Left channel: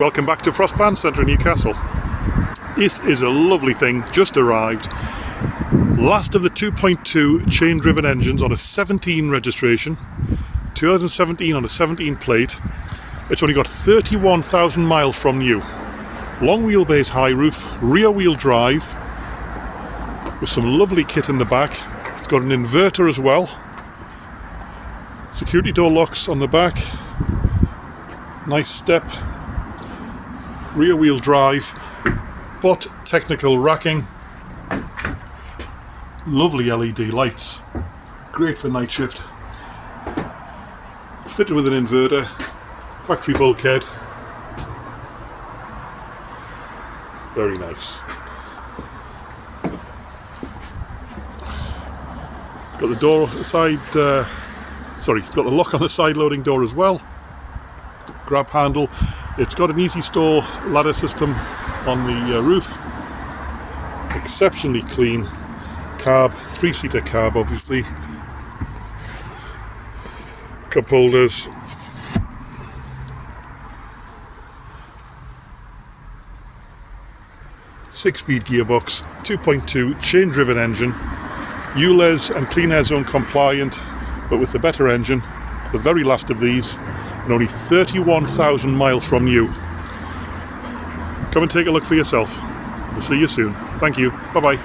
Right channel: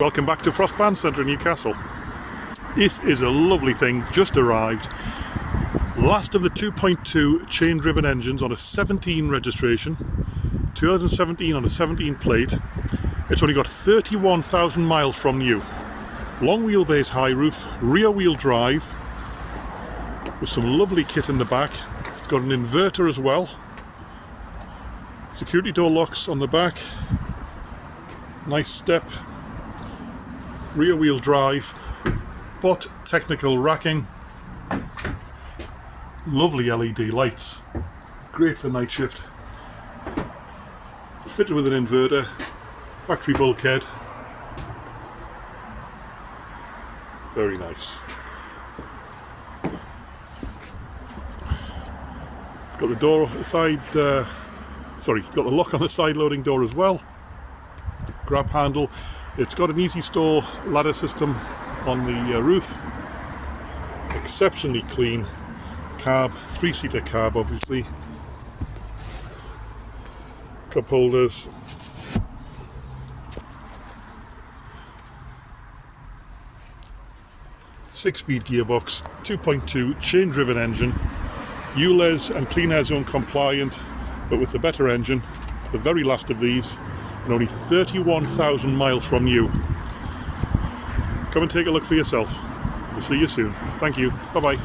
Welcome back to Frost Van Centre in Newcastle. This is a lovely thing, just arrived. Last of the 2.2 chain driven engines on a 17 registration, 2017 on a 17 plate. It's only got 31,000 miles from new. Long wheelbase high roof, rear wheel drive, with some lovely kit in the back. It's got an inverter as well. Security door locks on the back. Nice step. Rear wheel drive, but technical racking. Lovely LED lights, great for night shift. Fitted with an inverter, factory bulkhead. Very nice. It's got the door side. It's got the lock on the side loading door as well. Grab handle. It's got an easy store ladder system on the roof. Exceptionally clean cab, 3-seater cab obviously. Cup holders. Six-speed gearbox, 2.2 chain driven engine. ULEZ and Clean Air Zone compliant, but with the better engine. The very last of these. And only 31,000 miles from new. Come and take a look for yourself. We'll see you soon. Thank you. Bye-bye.